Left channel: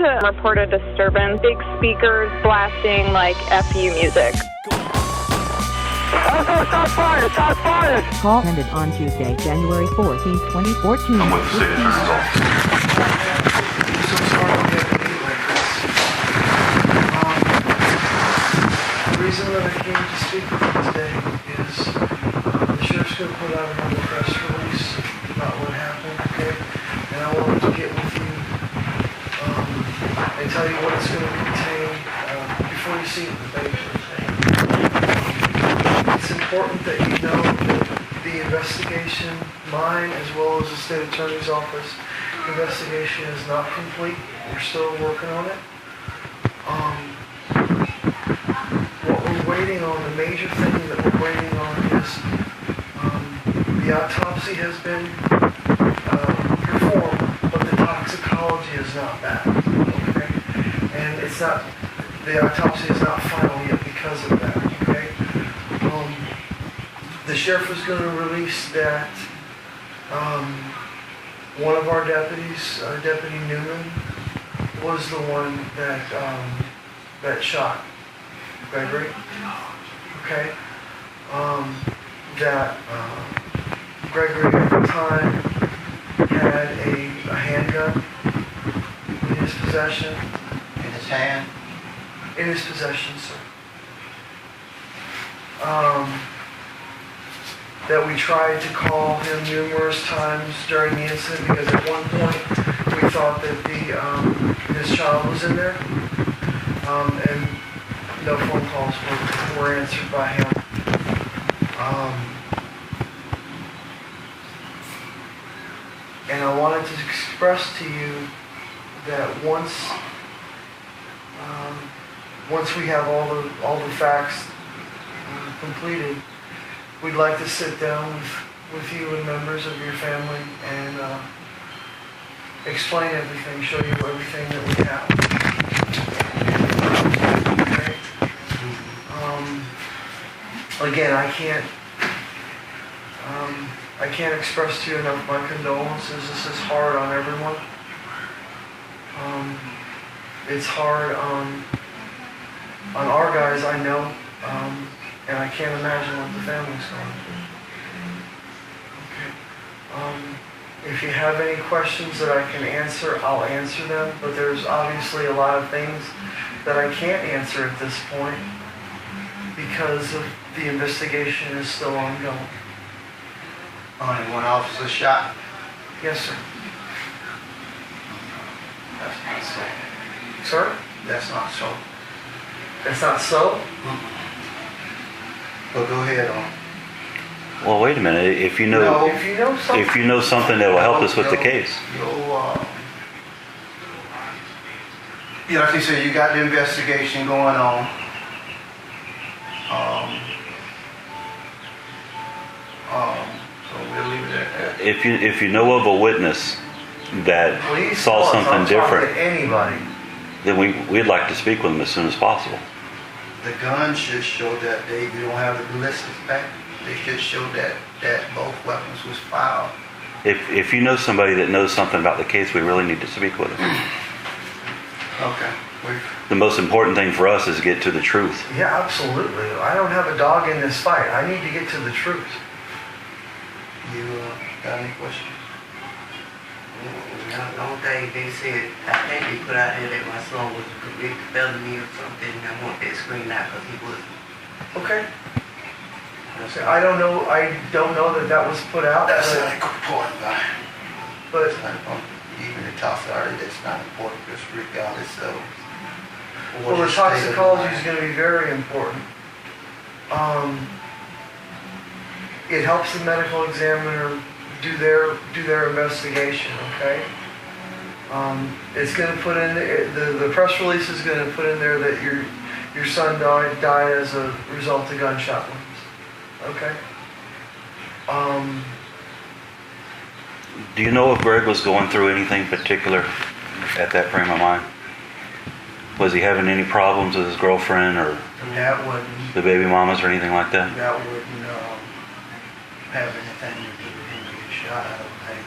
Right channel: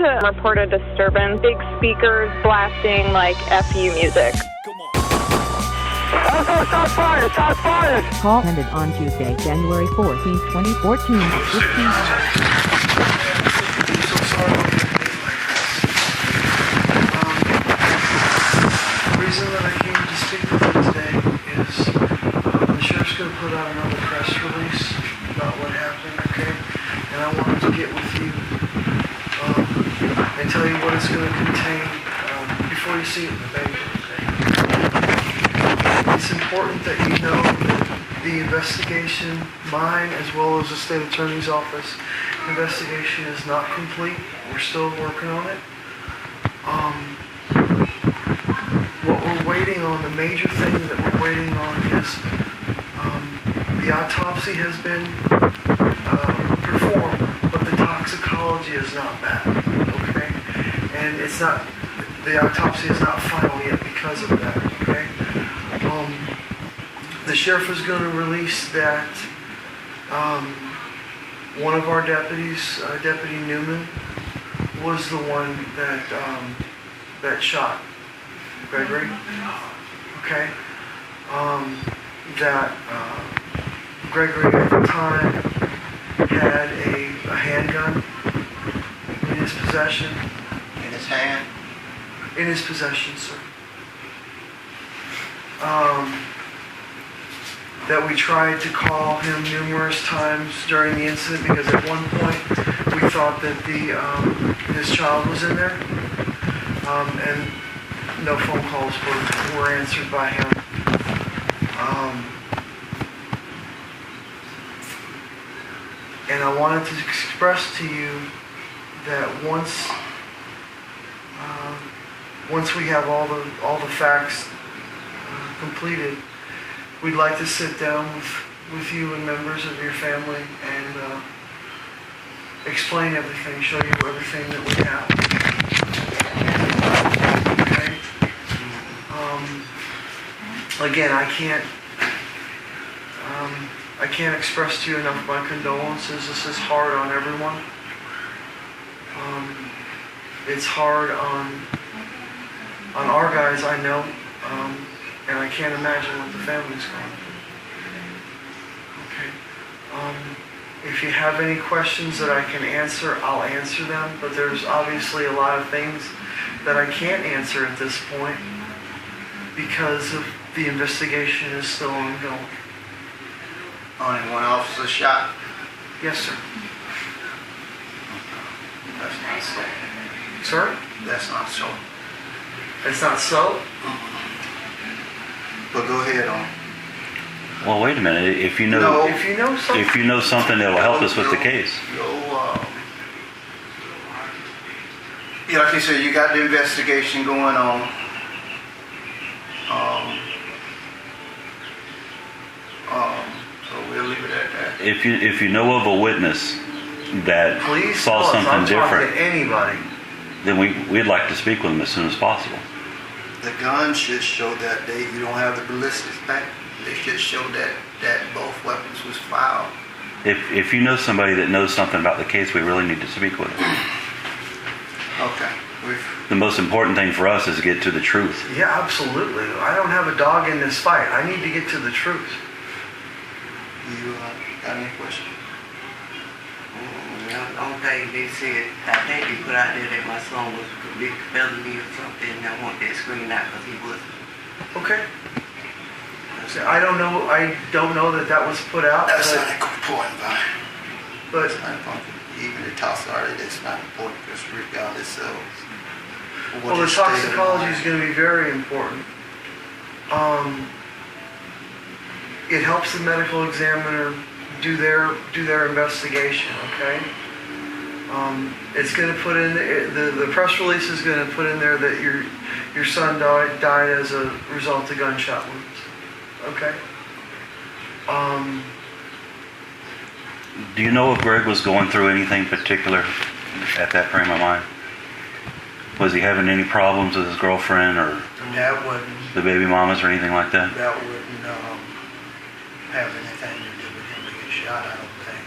to report a disturbance. Big speakers blasting like FU music. Shots fired! Shots fired! Call ended on Tuesday, January 14, 2014 at 15. The reason that I came to speak with you today is the sheriff's going to put out another press release about what happened, okay? And I wanted to get with you and tell you what it's going to contain before you see it in the paper. It's important that you know that the investigation, mine as well as the state attorney's office investigation, is not complete. We're still working on it. What we're waiting on, the major thing that we're waiting on is the autopsy has been performed, but the toxicology is not back, okay? And it's not, the autopsy is not final yet because of that, okay? The sheriff is going to release that one of our deputies, Deputy Newman, was the one that shot Gregory, okay? That Gregory at the time had a handgun in his possession. In his hand? In his possession, sir. That we tried to call him numerous times during the incident because at one point we thought that his child was in there, and no phone calls were answered by him. And I wanted to express to you that once we have all the facts completed, we'd like to sit down with you and members of your family and explain everything, show you everything that we have. Okay? Again, I can't express to you enough my condolences. This is hard on everyone. It's hard on our guys, I know. And I can't imagine what the family's going through. Okay. If you have any questions that I can answer, I'll answer them. But there's obviously a lot of things that I can't answer at this point because of the investigation is still ongoing. Only one officer shot? Yes, sir. That's not so. Sir? That's not so. It's not so? But go ahead on. Well, wait a minute. If you know something that will help us with the case. Yeah, like you said, you got the investigation going on. So we'll leave it at that. If you know of a witness that Please saw something different, to anybody. then we'd like to speak with them as soon as possible. The gun should show that you don't have the ballistics back. They should show that both weapons was fired. If you know somebody that knows something about the case, we really need to speak with them. Okay. The most important thing for us is to get to the truth. Yeah, absolutely. I don't have a dog in this fight. I need to get to the truth. You got any questions? The only thing they said, I think they put out there that my son was a convicted felony or something, and I want that screened out because he wasn't. Okay. I don't know that was put out. That's not a good point, but it's not important. Even the toxicology, that's not important because regardless of well, the toxicology is going to be very important. It helps the medical examiner do their investigation. Okay. It's going to put in the press release is going to put in there that your son died as a result of gunshot wounds. Okay. Do you know if Greg was going through anything particular at that frame of mind? Was he having any problems with his girlfriend or that wouldn't the baby mamas or anything like that? That wouldn't have anything to do with him getting shot, I don't think.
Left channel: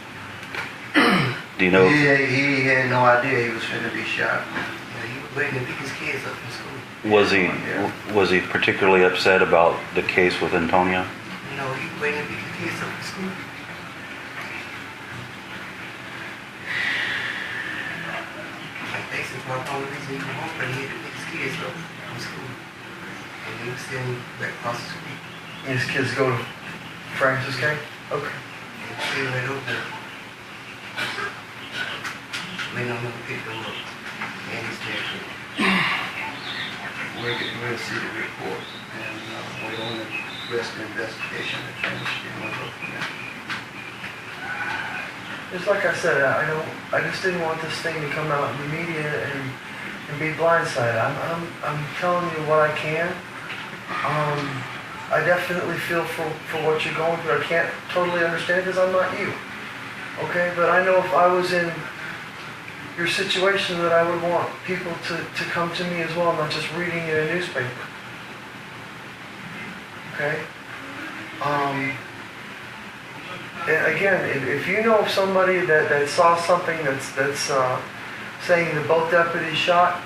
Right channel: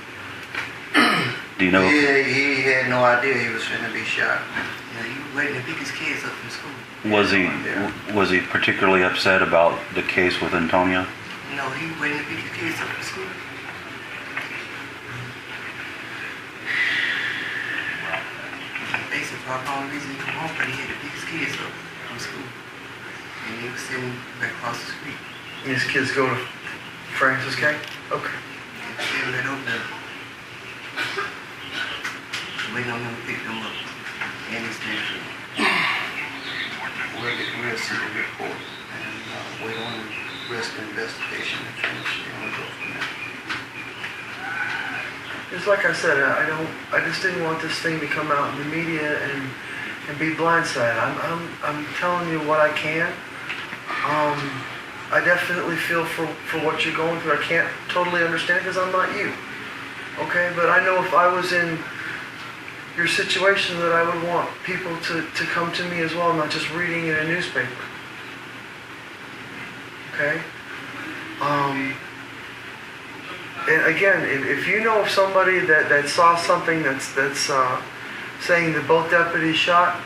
Do you know? He had no idea he was finna be shot. Yeah, he was waiting to pick his kids up from school. Was he particularly upset about the case with Antonio? No, he was waiting to pick his kids up from school. Basically, the only reason he come home, but he had to pick his kids up from school. And he was sitting right across the street. And his kids go to Francis K? Okay. Still right over there. Waiting on him to pick them up. And he's there. We'll see the report and wait on the rest of the investigation to finish and we'll go from there. Just like I said, I just didn't want this thing to come out in the media and be blindsided. I'm telling you what I can. I definitely feel for what you're going through. I can't totally understand because I'm not you. Okay, but I know if I was in your situation that I would want people to come to me as well, not just reading in a newspaper. Okay? And again, if you know of somebody that saw something that's saying that both deputies shot,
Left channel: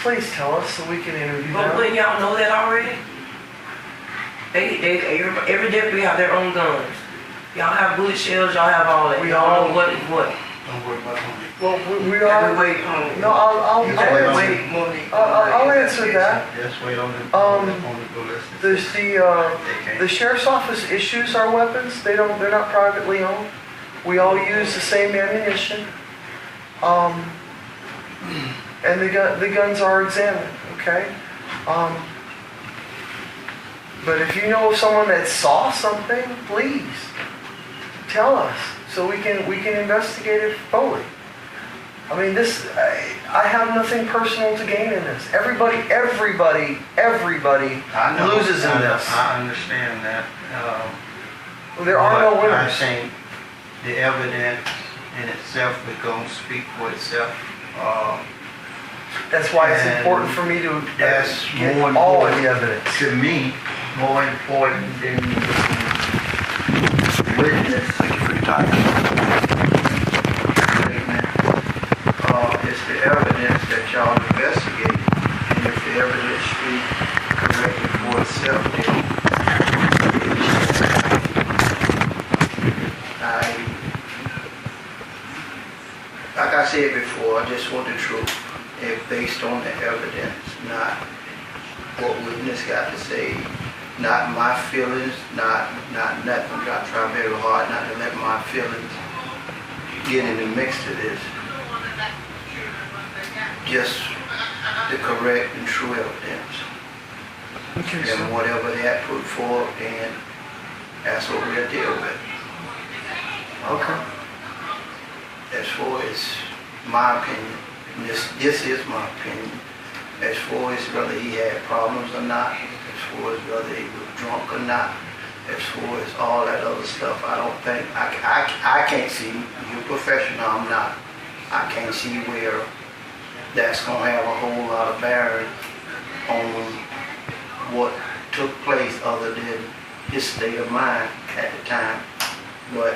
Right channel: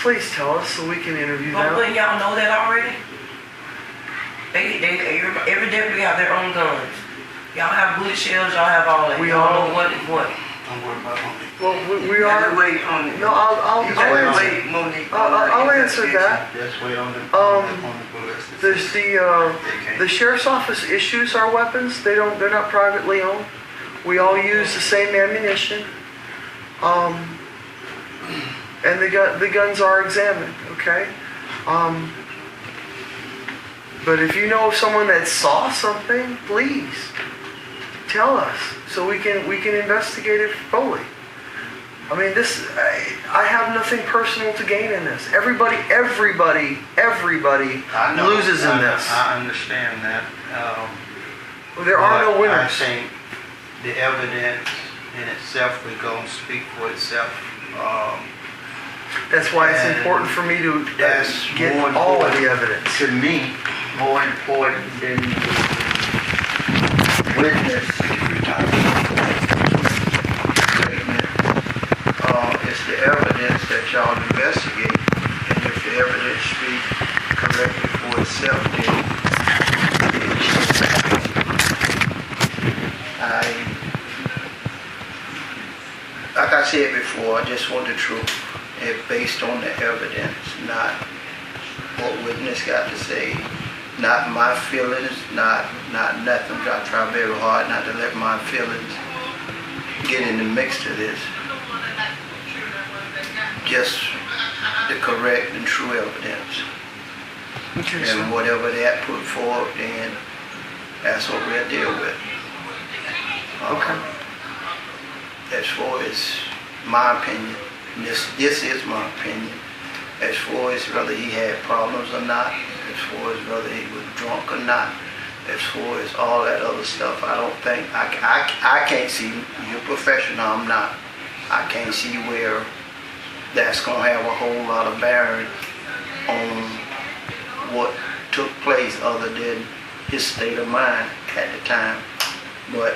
please tell us so we can interview them. But y'all know that already? Every deputy have their own guns. Y'all have bullet shells, y'all have all that. Y'all know what is what. Don't worry about it. Well, we are. Wait on it. No, I'll answer that. Just wait on the ballistics. There's the sheriff's office issues our weapons. They're not privately owned. We all use the same ammunition. And the guns are examined. Okay. But if you know of someone that saw something, please tell us so we can investigate it fully. I mean, I have nothing personal to gain in this. Everybody loses in this. I understand that. There are no I winners. think the evidence in itself is going to speak for itself. That's why it's important for me to That's get more all of important the evidence. to me, more important than the witness it's the evidence that y'all investigate, and if the evidence speaks correctly for itself, then like I said before, I just want the truth, and based on the evidence, not what witness got to say, not my feelings, not nothing. I try very hard not to let my feelings get in the mix to this. Just the correct and true evidence. And whatever that put forward, then that's what we'll deal with. Okay. As far as my opinion, this is my opinion. As far as whether he had problems or not, as far as whether he was drunk or not, as far as all that other stuff, I don't think, I can't see, you're a professional, I'm not. I can't see where that's going to have a whole lot of bearing on what took place other than his state of mind at the time. But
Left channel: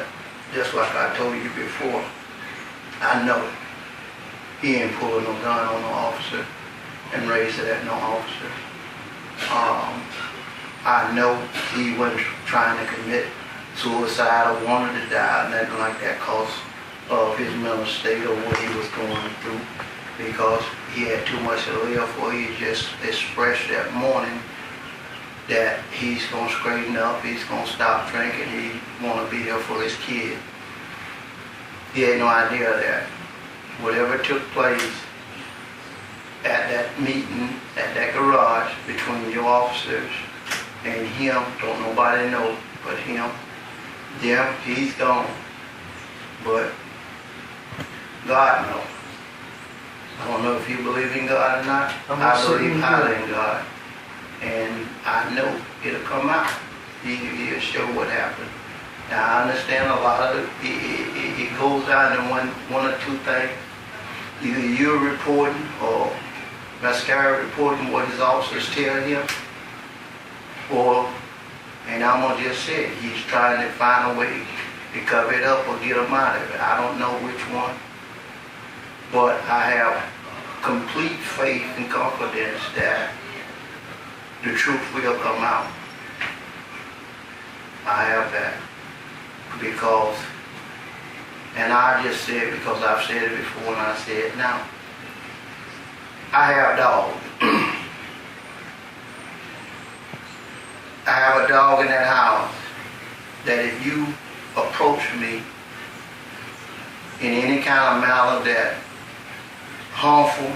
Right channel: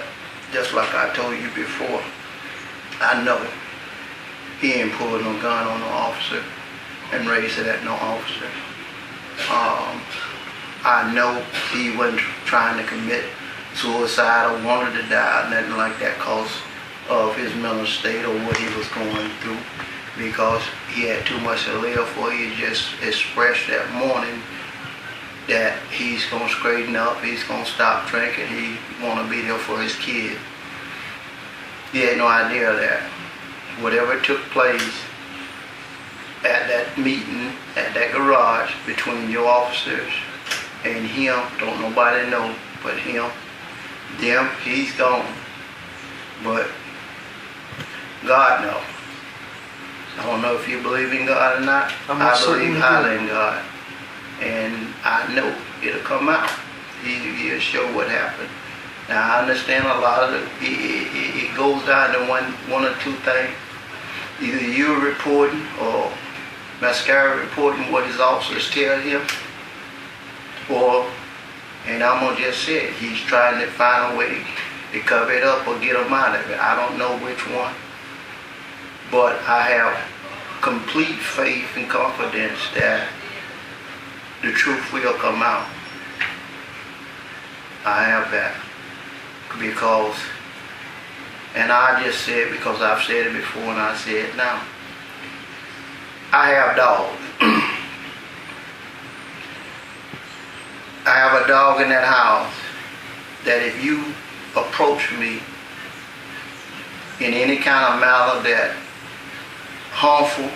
just like I told you before, I know he ain't pulling no gun on the officer and raised it at no officer. I know he wasn't trying to commit suicide or wanted to die, nothing like that, because of his mental state or what he was going through, because he had too much to live for. He just expressed that morning that he's going to straighten up, he's going to stop drinking, he want to be there for his kid. He had no idea that whatever took place at that meeting, at that garage between your officers and him, don't nobody know but him. Them, he's gone. But God knows. I don't know if you believe in God or not. I believe highly in God. And I know it'll come out. He'll show what happened. Now, I understand a lot of it goes down to one or two things. Either you're reporting or Mascara reporting what his officers tell him, or, and I'm going to just say it, he's trying to find a way to cover it up or get them out of it. I don't know which one. But I have complete faith and confidence that the truth will come out. I have that. Because, and I just said, because I've said it before and I say it now, I have dogs. I have a dog in that house that if you approach me in any kind of manner that harmful,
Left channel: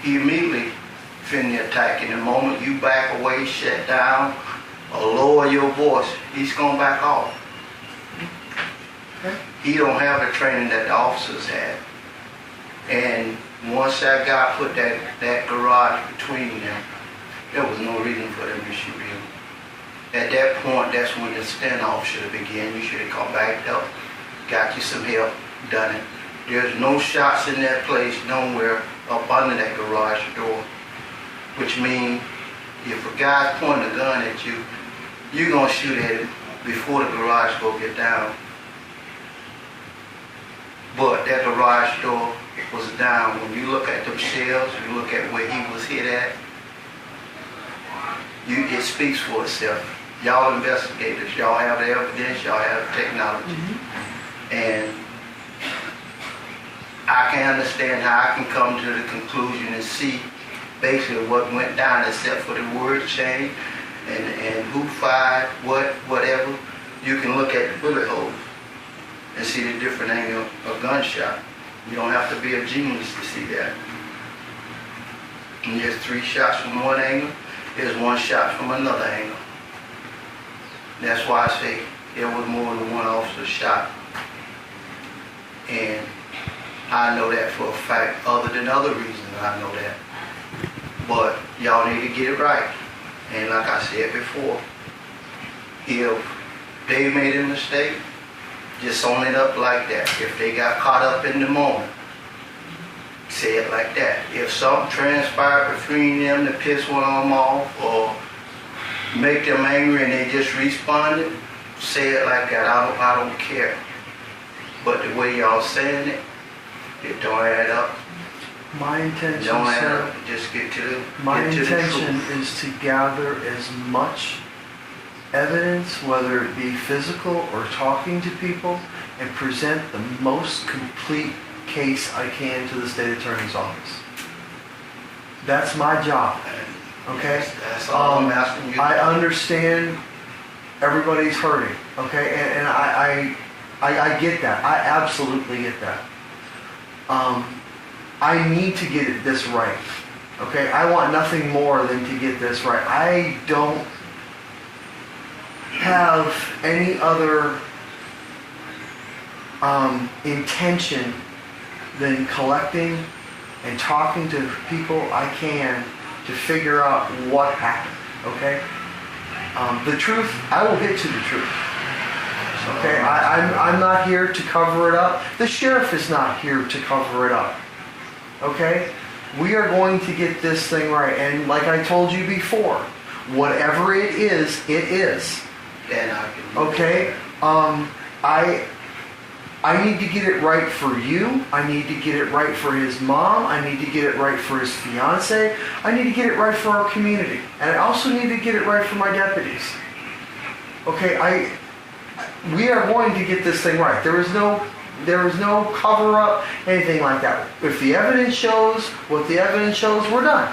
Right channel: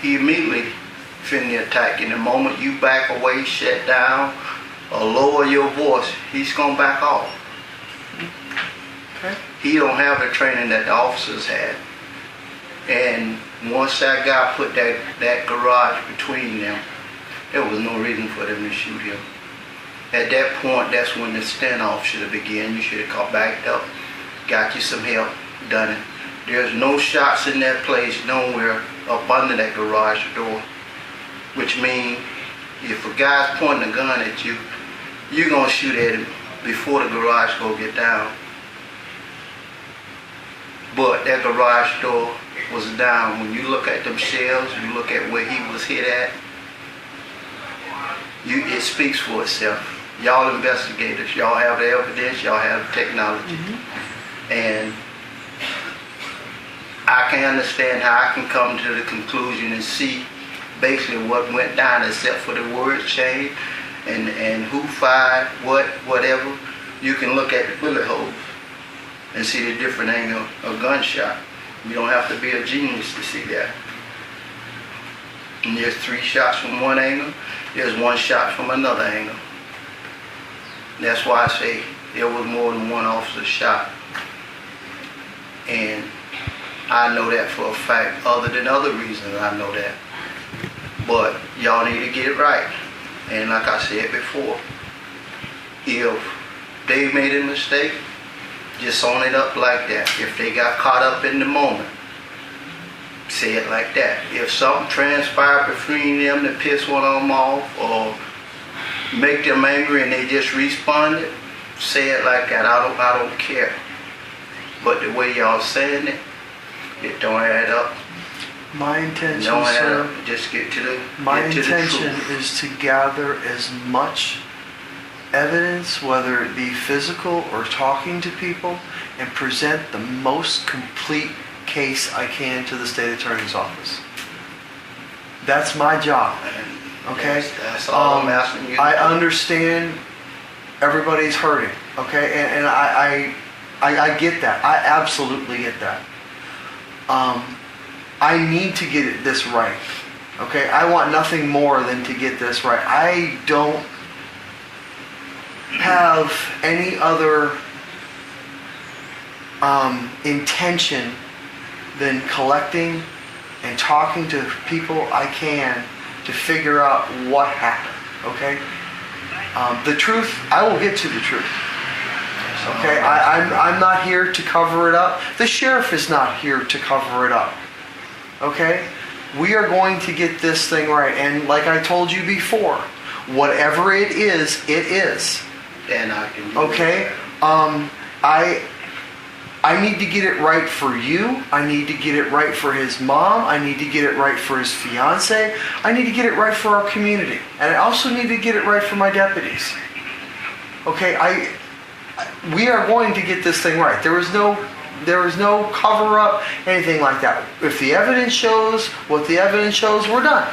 he immediately finna attack. In the moment you back away, shut down, or lower your voice, he's gonna back off. Okay. He don't have the training that the officers had. And once that guy put that garage between them, there was no reason for them to shoot him. At that point, that's when the standoff should have begun. You should have called back up, got you some help, done it. There's no shots in that place nowhere up under that garage door, which means if a guy's pointing a gun at you, you're going to shoot at him before the garage door get down. But that garage door was down. When you look at them shells, you look at where he was hit at, it speaks for itself. Y'all investigators, y'all have the evidence, y'all have the technology. And I can understand how I can come to the conclusion and see basically what went down except for the word change and who fired what, whatever. You can look at the bullet holes and see the different angle of gunshot. You don't have to be a genius to see that. And there's 3 shots from one angle, there's 1 shot from another angle. That's why I say there was more than one officer shot. And I know that for a fact, other than other reasons I know that. But y'all need to get it right. And like I said before, if they made a mistake, just own it up like that. If they got caught up in the moment, say it like that. If something transpired between them to piss one of them off or make them angry and they just responded, say it like that. I don't care. But the way y'all saying it, it don't add up. My intention, Don't add sir, up. Just get to the my get to the intention truth. is to gather as much evidence, whether it be physical or talking to people, and present the most complete case I can to the state attorney's office. That's my job. Okay? That's all I'm asking you. I understand everybody's hurting. Okay? And I get that. I absolutely get that. I need to get this right. Okay? I want nothing more than to get this right. I don't have any other intention than collecting and talking to people I can to figure out what happened. Okay? The truth, I will get to the truth. Okay? I'm not here to cover it up. The sheriff is not here to cover it up. Okay? We are going to get this thing right. And like I told you before, whatever it is, it is. And I can. Okay? I need to get it right for you. I need to get it right for his mom. I need to get it right for his fiance. I need to get it right for our community. And I also need to get it right for my deputies. Okay? We are going to get this thing right. There is no cover up, anything like that. If the evidence shows what the evidence shows, we're done.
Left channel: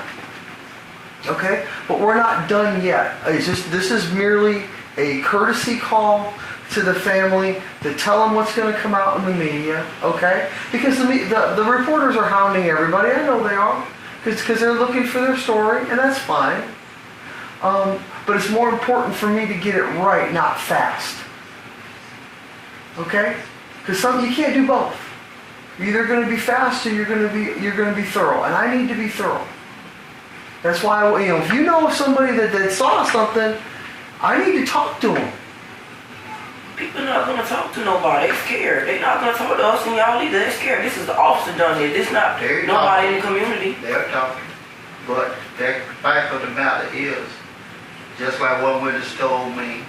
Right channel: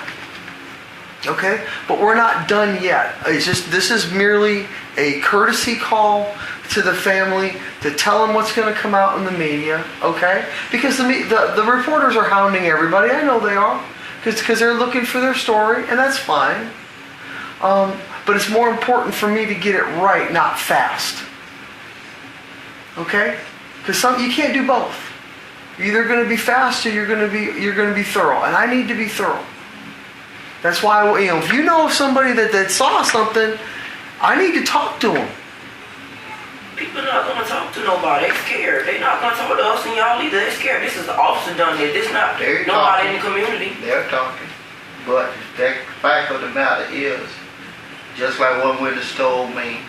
Okay? But we're not done yet. This is merely a courtesy call to the family to tell them what's going to come out in the media. Okay? Because the reporters are hounding everybody. I know they are. Because they're looking for their story, and that's fine. But it's more important for me to get it right, not fast. Okay? Because you can't do both. You're either going to be fast or you're going to be thorough, and I need to be thorough. That's why, if you know somebody that saw something, I need to talk to them. People not going to talk to nobody. They're scared. They're not going to talk to us and y'all either. They're scared. This is the officer done here. This not They're nobody talking. in the community. They're talking. But the fact of the matter is, just like one witness told me,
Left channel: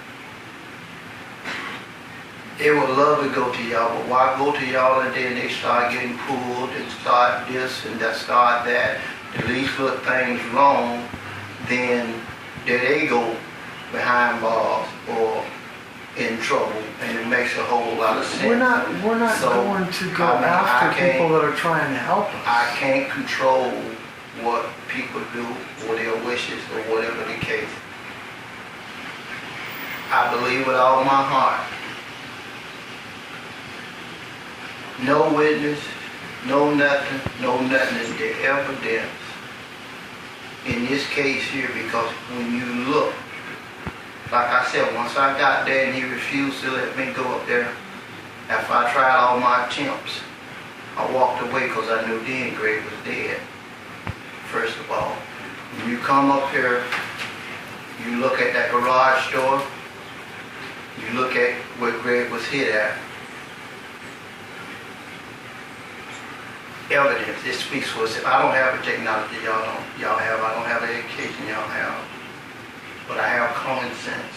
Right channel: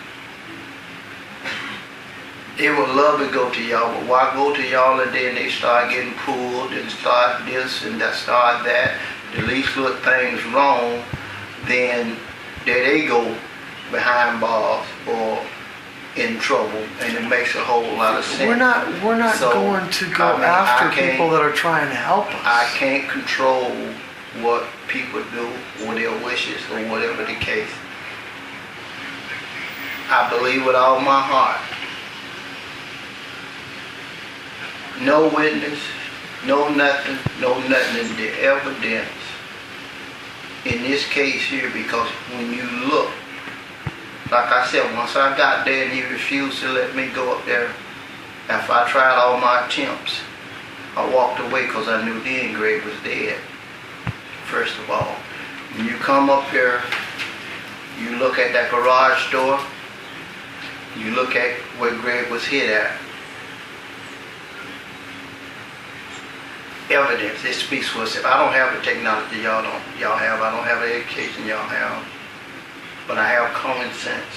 they would love to go to y'all, but why go to y'all and then they start getting pulled and start this and that, start that. The least little thing's wrong, then there they go behind bars or in trouble, and it makes a whole lot of sense. We're not So, going to go I mean, after I can't- people that are trying to help us. I can't control what people do or their wishes or whatever the case. I believe with all my heart. No witness, no nothing, the evidence in this case here, because when you look, like I said, once I got there and he refused to let me go up there, after I tried all my attempts, I walked away because I knew then Greg was dead. First of all, when you come up here, you look at that garage door, you look at where Greg was hit at. Evidence, it speaks for itself. I don't have the technology y'all have. I don't have the education y'all have. But I have common sense.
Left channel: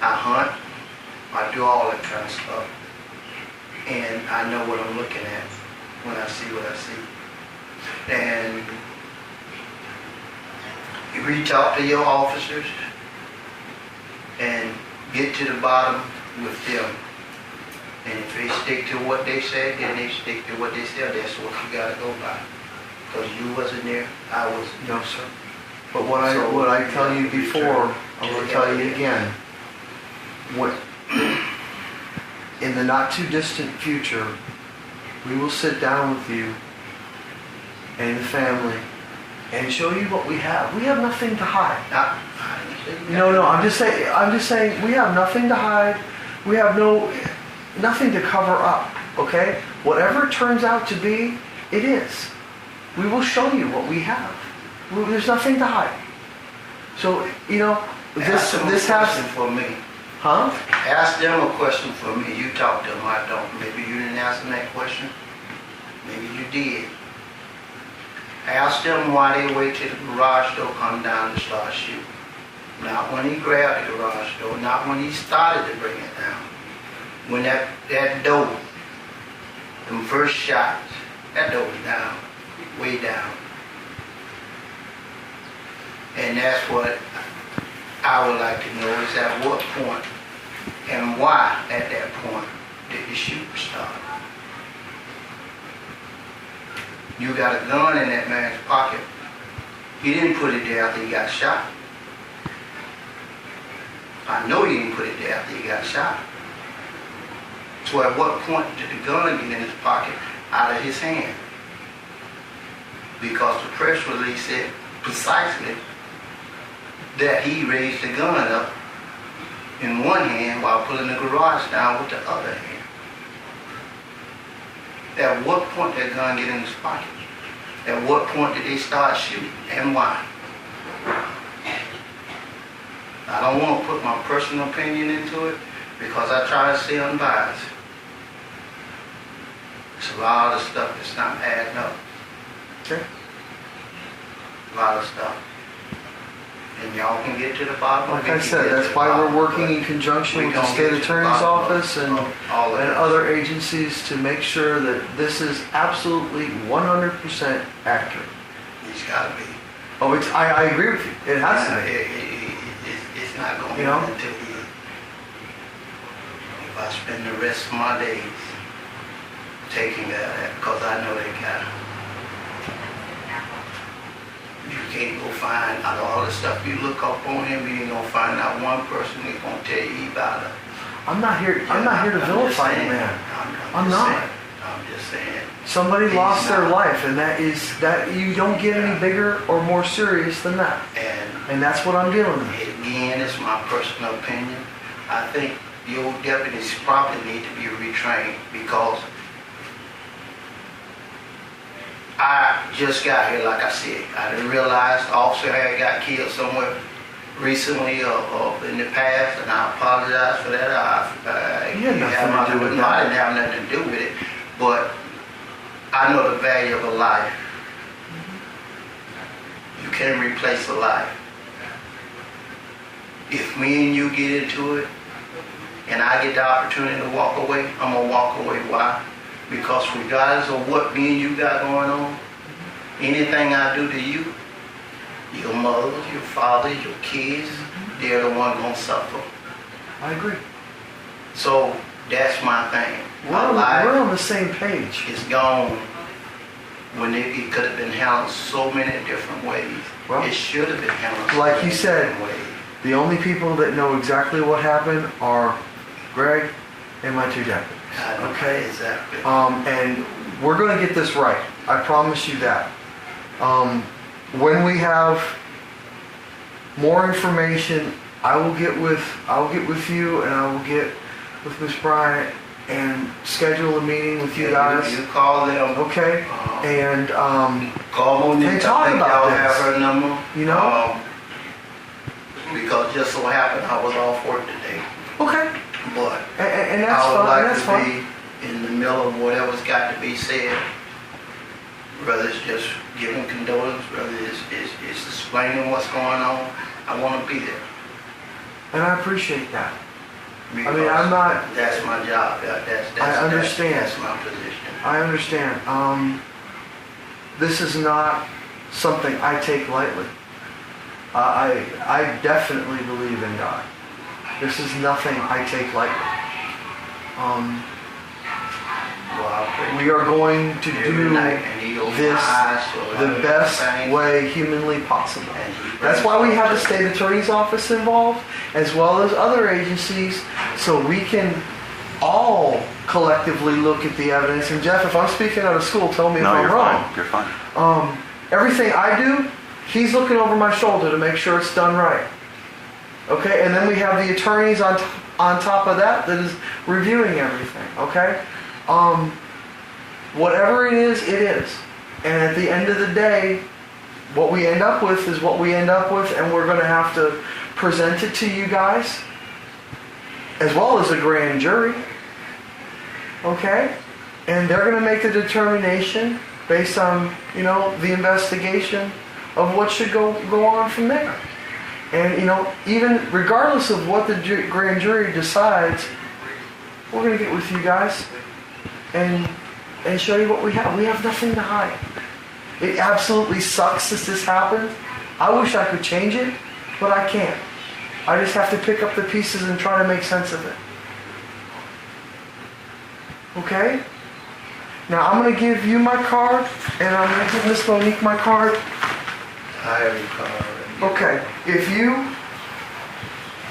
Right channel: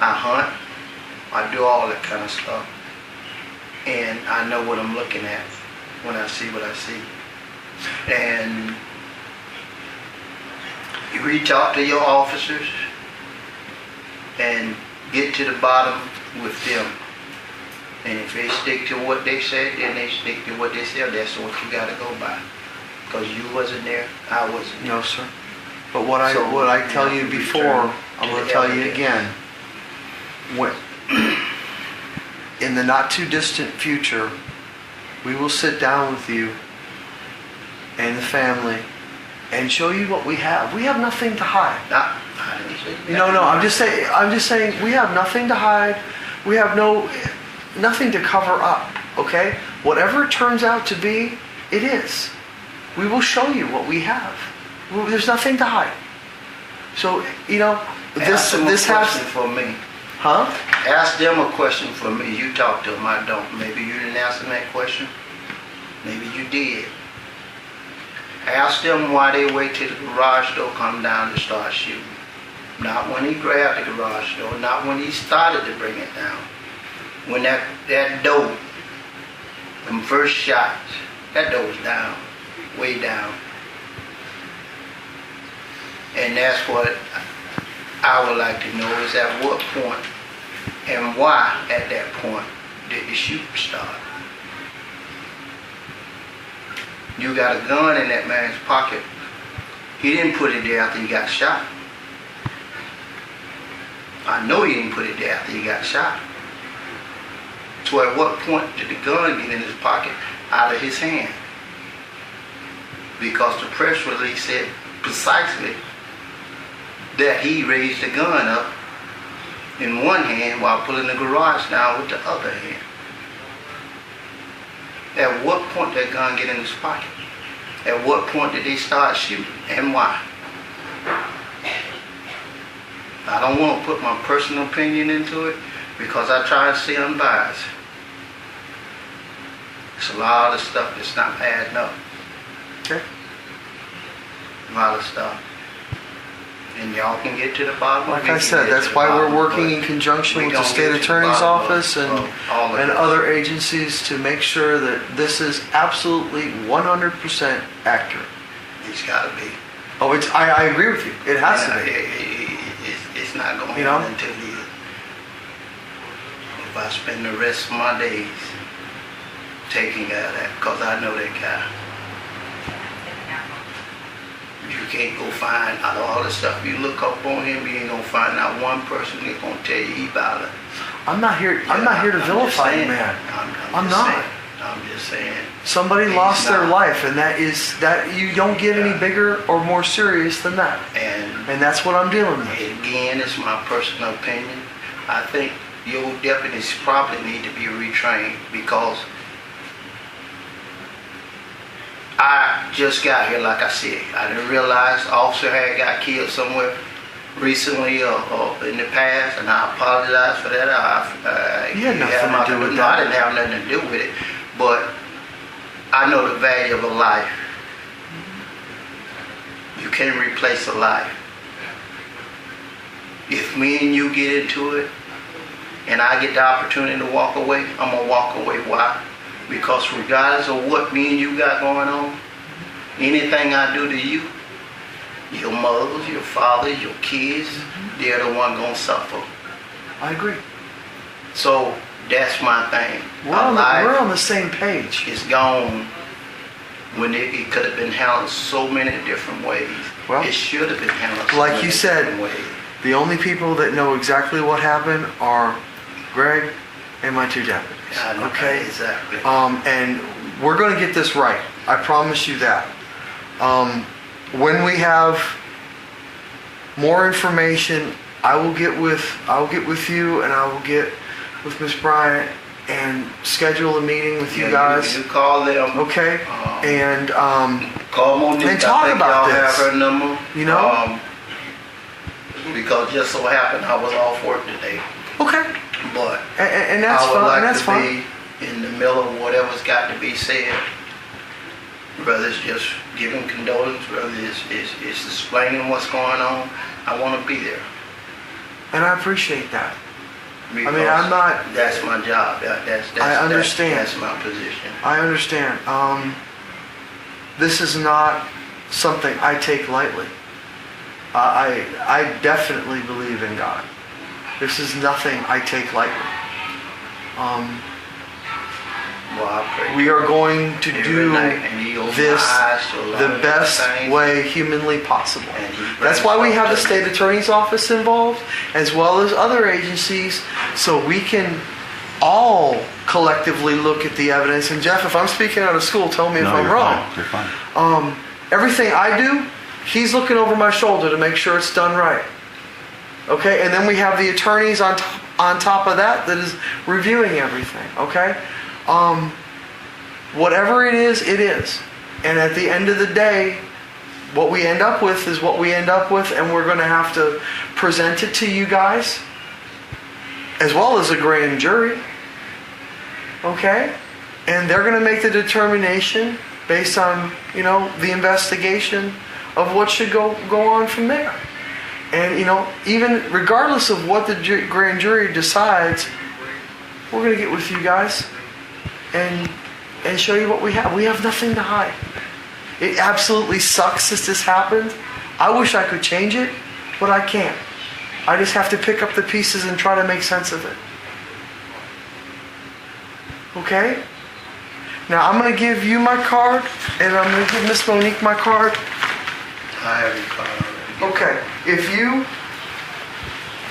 I hunt. I do all that kind of stuff. And I know what I'm looking at when I see what I see. And you reach out to your officers and get to the bottom with them. And if they stick to what they said, then they stick to what they said. That's what you got to go by. Because you wasn't there, I wasn't there. No, sir. But what I tell you before, I'm going to tell you again. When, in the not too distant future, we will sit down with you and the family and show you what we have. We have nothing to hide. I didn't say that. No. I'm just saying we have nothing to hide. We have nothing to cover up. Okay? Whatever it turns out to be, it is. We will show you what we have. There's nothing to hide. So, Ask them a question for me. Huh? Ask them a question for me. You talk to them, I don't. Maybe you didn't ask them that question. Maybe you did. Ask them why they wait till the garage door come down and start shooting. Not when he grabbed the garage door, not when he started to bring it down. When that door, them first shots, that door was down, way down. And that's what I would like to know is at what point and why at that point did the shooting start. You got a gun in that man's pocket. He didn't put it there after he got shot. I know he didn't put it there after he got shot. So at what point did the gun get in his pocket out of his hand? Because the press release said precisely that he raised the gun up in one hand while pulling the garage down with the other hand. At what point did that gun get in his pocket? At what point did they start shooting and why? I don't want to put my personal opinion into it because I try to stay unbiased. It's a lot of stuff that's not adding up. Okay. A lot of stuff. And y'all can get to the bottom of it. Like I said, that's why we're working in conjunction with the state attorney's office and other agencies to make sure that this is absolutely 100% accurate. It's got to be. Oh, I agree with you. It has to be. It's not going to happen until if I spend the rest of my days taking care of that, because I know that guy. You can't go find out all the stuff you look up on him. You ain't gonna find out one person that's gonna tell you about it. I'm not here to vilify you, man. I'm not. I'm just saying. Somebody lost their life, and that you don't get any bigger or more serious than that. And that's what I'm dealing with. Again, it's my personal opinion. I think your deputies probably need to be retrained because I just got here, like I said. I didn't realize the officer had got killed somewhere recently or in the past, and I apologize for that. You had nothing to do with that. I didn't have nothing to do with it, but I know the value of a life. You can't replace a life. If me and you get into it, and I get the opportunity to walk away, I'm gonna walk away. Why? Because regardless of what me and you got going on, anything I do to you, your mothers, your fathers, your kids, they're the one gonna suffer. I agree. So that's my thing. We're on the same page. It's gone when it could have been handled so many different ways. Well, it should have been handled so like many you said, different ways. The only people that know exactly what happened are Greg and my two deputies. I know, okay? Exactly. And we're going to get this right. I promise you that. When we have more information, I will get with you, and I will get with Miss Bryant and schedule a meeting with you guys. You call them. Okay. And call Monique. and talk about this. Have her number. You know. Because just so happened I was off work today. Okay. But and that's I would fine. like That's to fine. be in the middle of whatever's got to be said. Whether it's just giving condolence, whether it's explaining what's going on, I want to be there. And I appreciate that. Because I'm not. That's my job. I understand. That's my position. I understand. This is not something I take lightly. I definitely believe in God. This is nothing I take lightly. We are going to do this the best way humanly possible. That's why we have the state attorney's office involved, as well as other agencies, so we can all collectively look at the evidence. And Jeff, if I'm speaking out of school, tell me if I'm wrong. You're fine. Everything I do, he's looking over my shoulder to make sure it's done right. Okay, and then we have the attorneys on top of that is reviewing everything. Okay, whatever it is, it is. And at the end of the day, what we end up with is what we end up with, and we're going to have to present it to you guys, as well as a grand jury. Okay, and they're going to make the determination based on the investigation of what should go on from there. And even regardless of what the grand jury decides, we're going to get with you guys and show you what we have. We have nothing to hide. It absolutely sucks that this happened. I wish I could change it, but I can't. I just have to pick up the pieces and try to make sense of it. Okay? Now I'm going to give you my card, and I'm going to give Miss Monique my card. I have your card. Okay, if you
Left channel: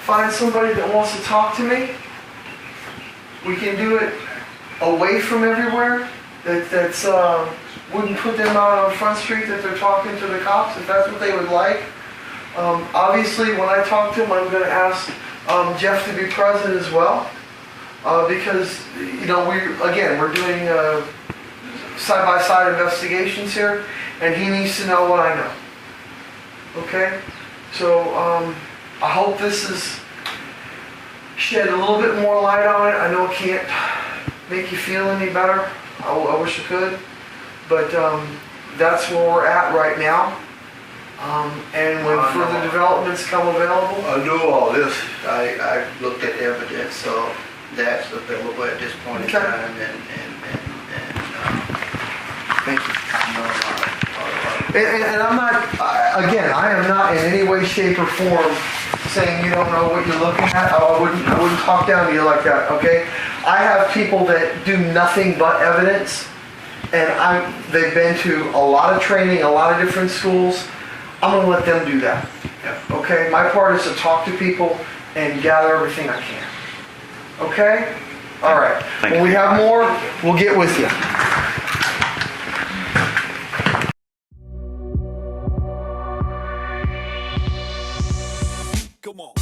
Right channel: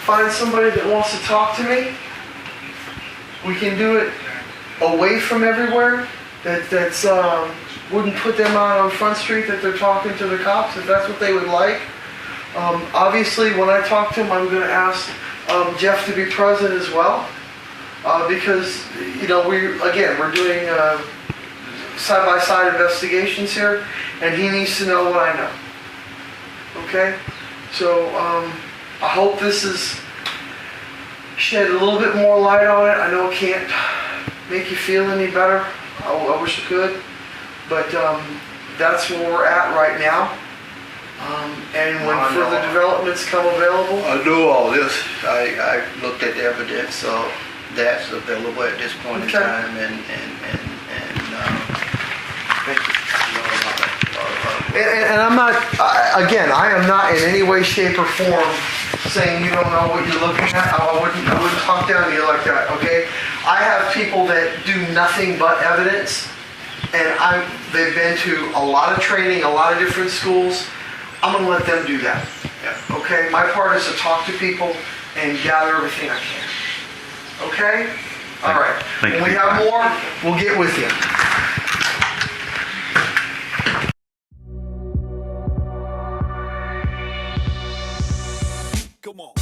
find somebody that wants to talk to me, we can do it away from everywhere. That's wouldn't put them out on Front Street that they're talking to the cops, if that's what they would like. Obviously, when I talk to them, I'm going to ask Jeff to be present as well, because we're doing side-by-side investigations here, and he needs to know what I know. Okay, so I hope this has shed a little bit more light on it. I know it can't make you feel any better. I wish it could, but that's where we're at right now. And when further developments come available, I do all this. I looked at the evidence, so that's available at this point in time, and And I'm not, again, I am not in any way, shape, or form saying you don't know what you're looking at. I wouldn't talk down to you like that, okay? I have people that do nothing but evidence, and they've been to a lot of training, a lot of different schools. I'm going to let them do that, okay? My part is to talk to people and gather everything I can, okay? All right. When we have more, we'll get with you. Come on.